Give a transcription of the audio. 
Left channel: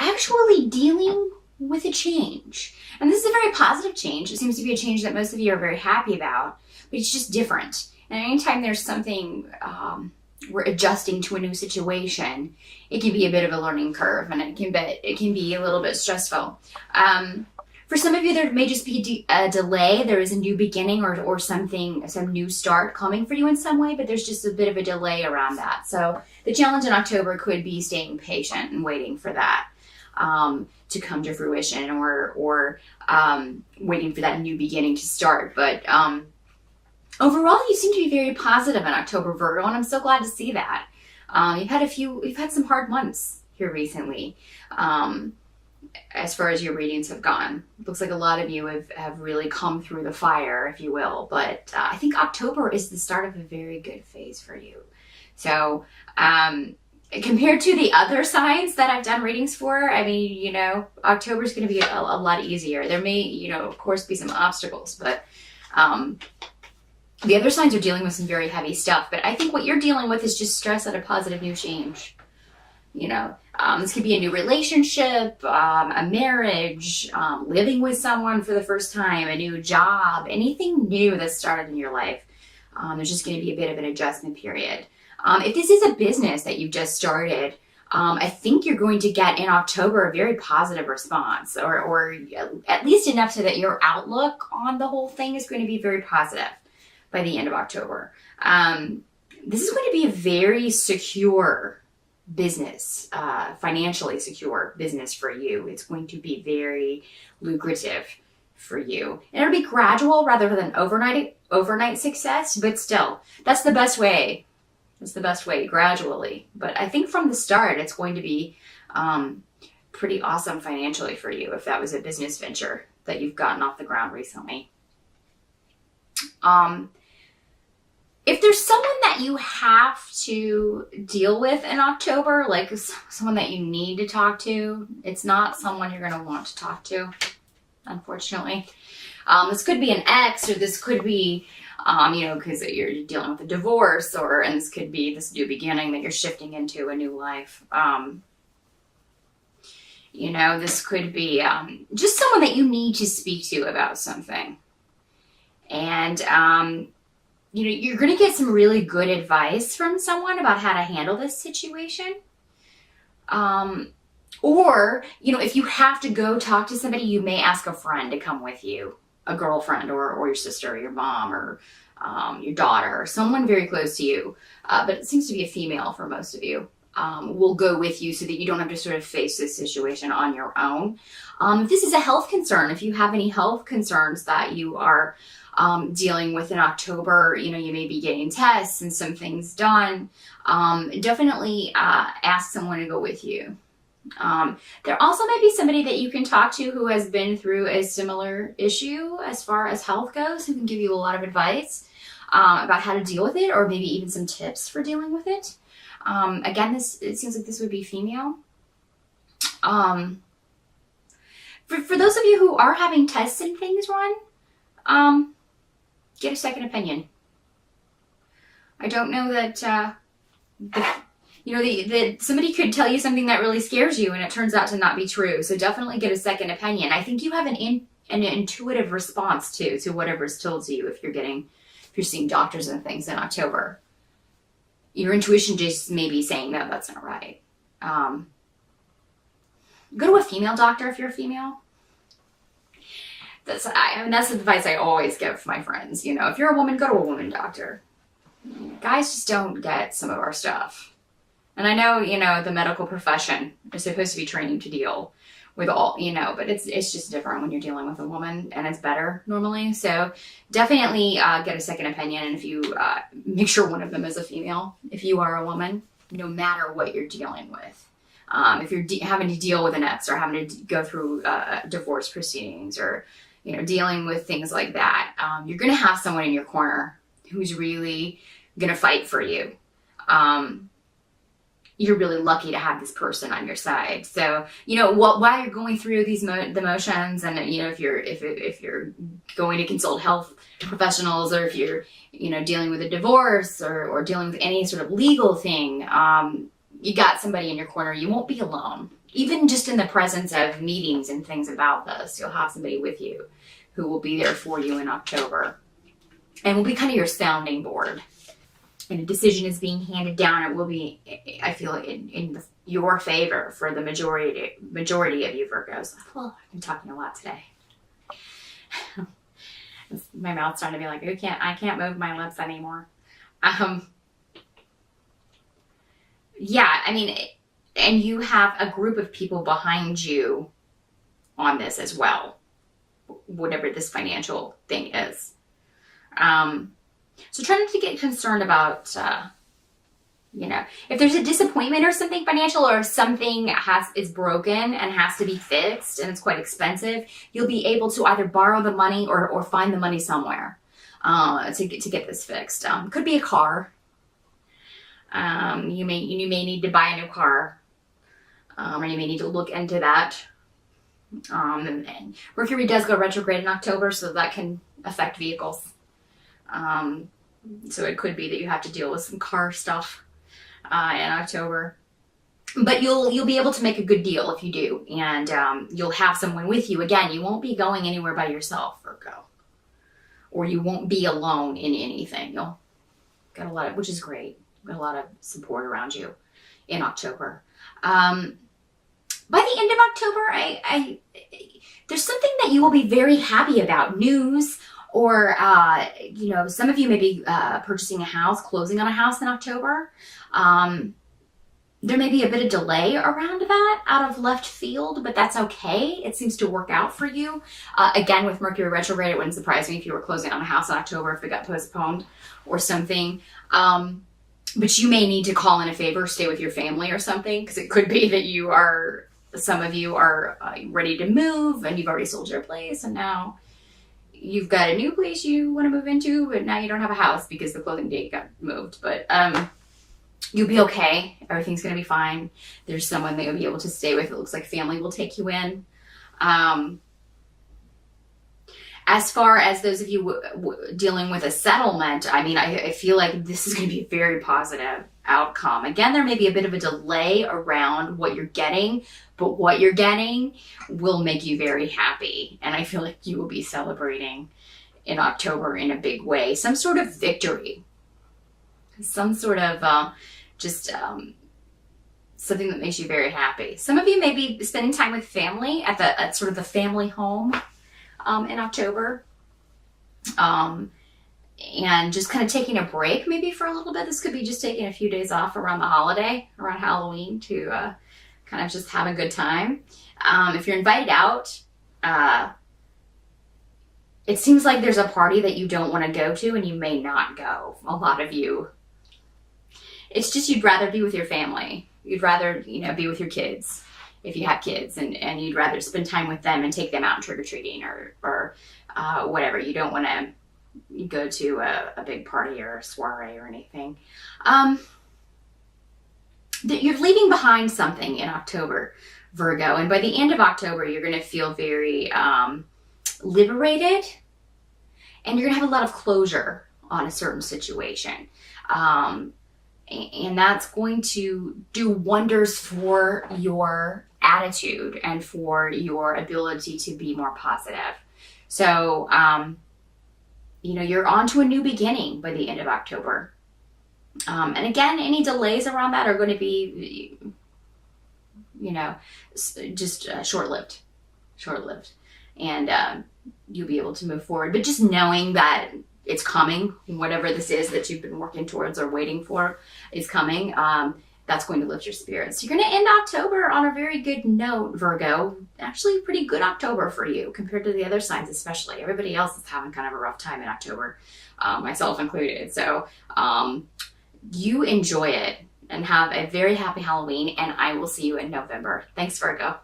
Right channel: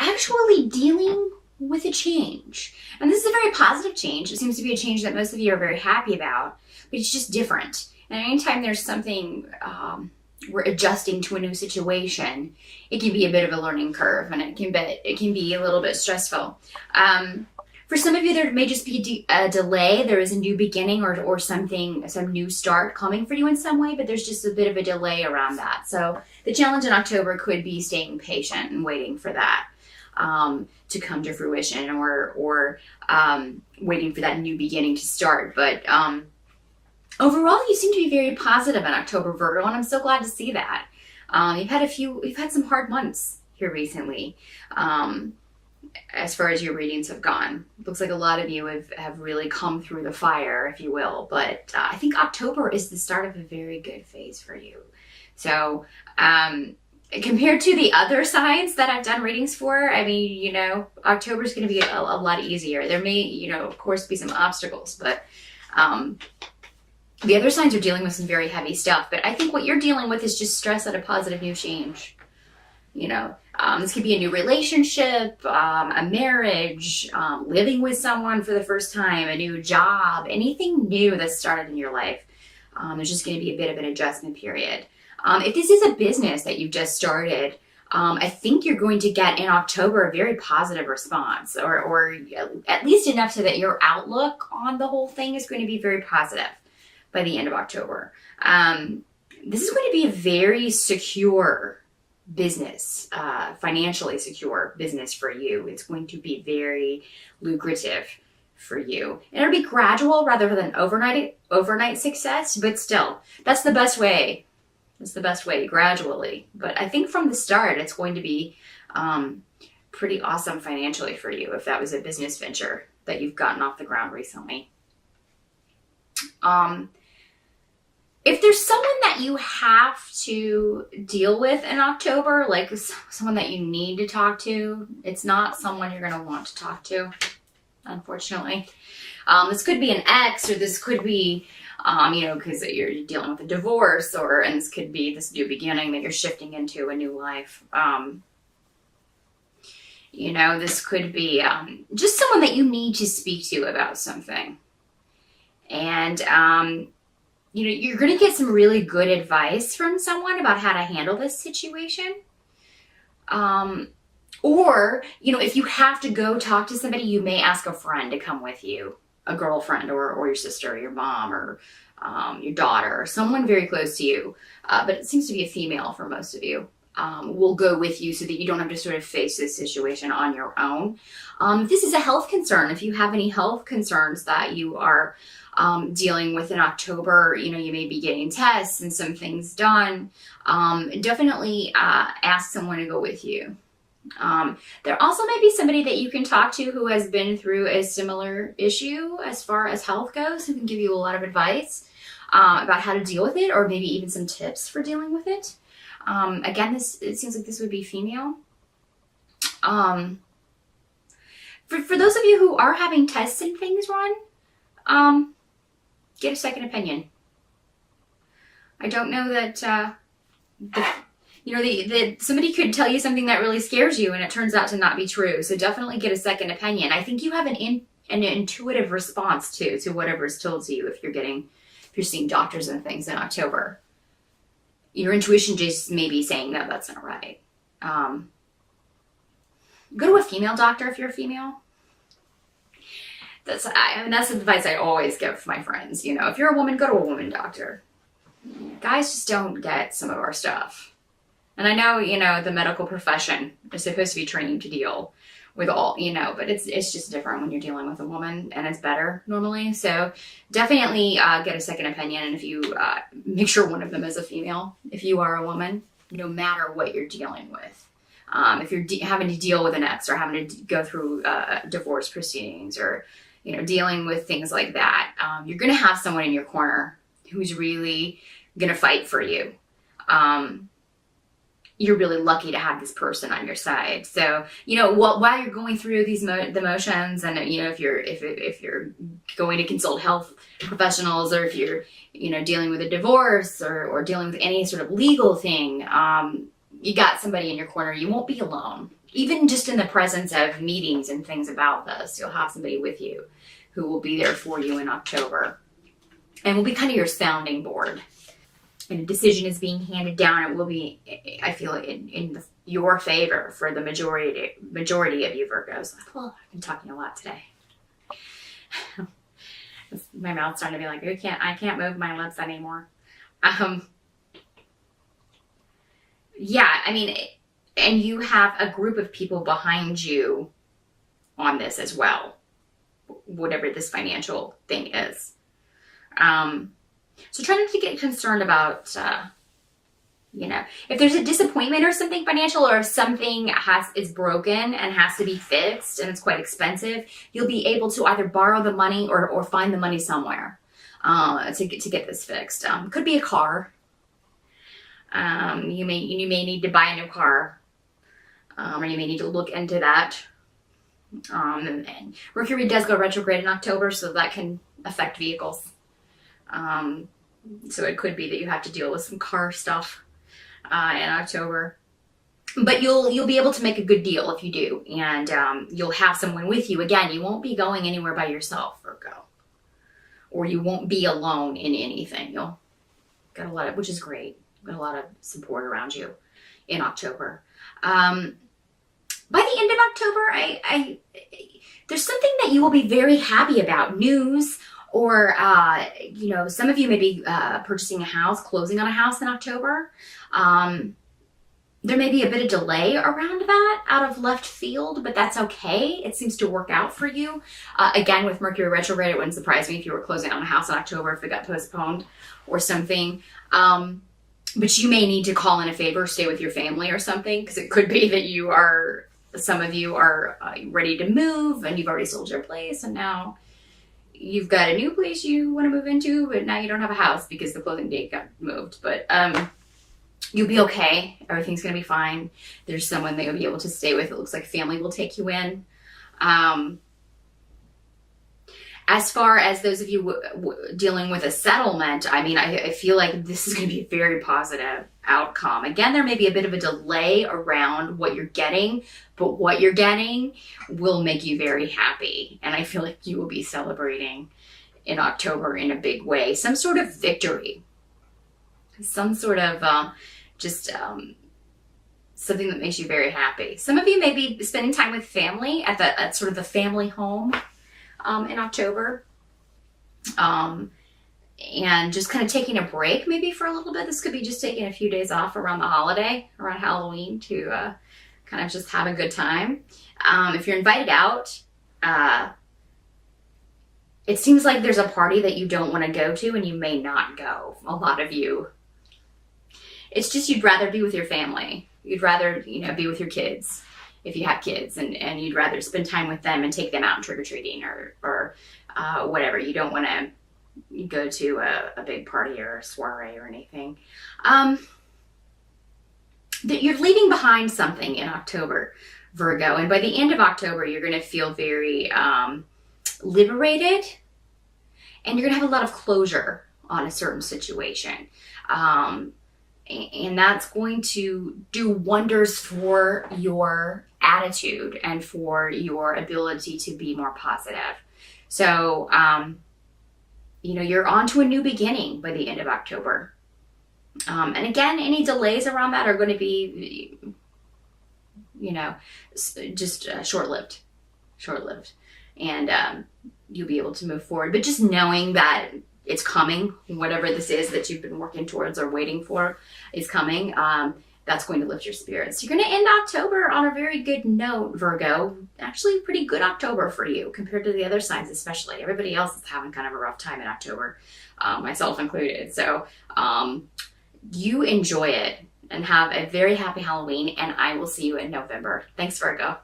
actually dealing with a change. And this is a very positive change. It seems to be a change that most of you are very happy about, but it's just different. And anytime there's something we're adjusting to a new situation, it can be a bit of a learning curve, and it can be a little bit stressful. For some of you, there may just be a delay. There is a new beginning or something, some new start coming for you in some way, but there's just a bit of a delay around that. So the challenge in October could be staying patient and waiting for that to come to fruition, or waiting for that new beginning to start. But overall, you seem to be very positive in October, Virgo, and I'm so glad to see that. You've had some hard months here recently. As far as your readings have gone, it looks like a lot of you have really come through the fire, if you will. But I think October is the start of a very good phase for you. So compared to the other signs that I've done readings for, I mean, October is going to be a lot easier. There may, of course, be some obstacles, but the other signs are dealing with some very heavy stuff. But I think what you're dealing with is just stress and a positive new change. This could be a new relationship, a marriage, living with someone for the first time, a new job, anything new that started in your life. There's just going to be a bit of an adjustment period. If this is a business that you've just started, I think you're going to get in October a very positive response, or at least enough so that your outlook on the whole thing is going to be very positive by the end of October. This is going to be a very secure business, financially secure business for you. It's going to be very lucrative for you. And it'll be gradual rather than overnight success, but still, that's the best way. It's the best way, gradually. But I think from the start, it's going to be pretty awesome financially for you if that was a business venture that you've gotten off the ground recently. If there's someone that you have to deal with in October, like someone that you need to talk to, it's not someone you're going to want to talk to, unfortunately. This could be an ex, or this could be, because you're dealing with a divorce, and this could be this new beginning that you're shifting into a new life. This could be just someone that you need to speak to about something. And, you're going to get some really good advice from someone about how to handle this situation. Or, if you have to go talk to somebody, you may ask a friend to come with you, a girlfriend or your sister or your mom or your daughter, or someone very close to you. But it seems to be a female for most of you. Will go with you so that you don't have to sort of face this situation on your own. If this is a health concern, if you have any health concerns that you are dealing with in October, you may be getting tests and some things done, definitely ask someone to go with you. There also may be somebody that you can talk to who has been through a similar issue as far as health goes, who can give you a lot of advice about how to deal with it, or maybe even some tips for dealing with it. Again, it seems like this would be female. For those of you who are having tests and things run, get a second opinion. I don't know that, that somebody could tell you something that really scares you and it turns out to not be true. So definitely get a second opinion. I think you have an intuitive response to whatever is told to you if you're seeing doctors and things in October. Your intuition just may be saying, no, that's not right. Go to a female doctor if you're a female. That's the advice I always give my friends. If you're a woman, go to a woman doctor. Guys just don't get some of our stuff. And I know, the medical profession is supposed to be trained to deal with all, but it's just different when you're dealing with a woman, and it's better normally. So definitely get a second opinion. And if you make sure one of them is a female, if you are a woman, no matter what you're dealing with. If you're having to deal with an ex, or having to go through divorce proceedings, or dealing with things like that, you're going to have someone in your corner who's really going to fight for you. You're really lucky to have this person on your side. So, while you're going through these the motions, and if you're going to consult health professionals, or if you're dealing with a divorce, or dealing with any sort of legal thing, you got somebody in your corner. You won't be alone. even just in the presence of meetings and things about this, you'll have somebody with you who will be there for you in October and will be kind of your sounding board. And a decision is being handed down, it will be, I feel, in your favor for the majority of you Virgos. Well, I'm talking a lot today. My mouth's starting to be like, I can't move my lips anymore. Yeah, I mean, and you have a group of people behind you on this as well, whatever this financial thing is. So try not to get concerned about, if there's a disappointment or something financial, or if something is broken and has to be fixed and it's quite expensive, you'll be able to either borrow the money or find the money somewhere to get this fixed. Could be a car. You may need to buy a new car, or you may need to look into that. And Mercury does go retrograde in October, so that can affect vehicles. So it could be that you have to deal with some car stuff in October, but you'll be able to make a good deal if you do, and you'll have someone with you. Again, you won't be going anywhere by yourself, Virgo, or you won't be alone in anything. You'll get a lot of, which is great. Got a lot of support around you in October. By the end of October, there's something that you will be very happy about. News, or some of you may be purchasing a house, closing on a house in October. There may be a bit of delay around that out of left field, but that's okay. It seems to work out for you. Again, with Mercury retrograde, it wouldn't surprise me if you were closing on a house in October if it got postponed or something. But you may need to call in a favor, stay with your family or something, because it could be that some of you are ready to move and you've already sold your place and now you've got a new place you want to move into, but now you don't have a house because the closing date got moved. But you'll be okay. Everything's going to be fine. There's someone that you'll be able to stay with. It looks like family will take you in. As far as those of you dealing with a settlement, I mean, I feel like this is going to be a very positive outcome. Again, there may be a bit of a delay around what you're getting, but what you're getting will make you very happy. And I feel like you will be celebrating in October in a big way. Some sort of victory. Some sort of something that makes you very happy. Some of you may be spending time with family at sort of the family home in October, and just kind of taking a break maybe for a little bit. This could be just taking a few days off around the holiday, around Halloween, to kind of just have a good time. If you're invited out, it seems like there's a party that you don't want to go to and you may not go, a lot of you. It's just you'd rather be with your family. You'd rather, be with your kids. If you have kids, and you'd rather spend time with them and take them out trick-or-treating or whatever. You don't want to go to a big party or a soiree or anything. That you're leaving behind something in October, Virgo. And by the end of October, you're going to feel very liberated. And you're going to have a lot of closure on a certain situation. And that's going to do wonders for your attitude and for your ability to be more positive. So, you're on to a new beginning by the end of October. And again, any delays around that are going to be, just short-lived. And you'll be able to move forward. But just knowing that it's coming, whatever this is that you've been working towards or waiting for is coming, that's going to lift your spirits. You're going to end October on a very good note, Virgo. Actually, pretty good October for you compared to the other signs, especially. Everybody else is having kind of a rough time in October, myself included. So you enjoy it and have a very happy Halloween, and I will see you in November. Thanks, Virgo.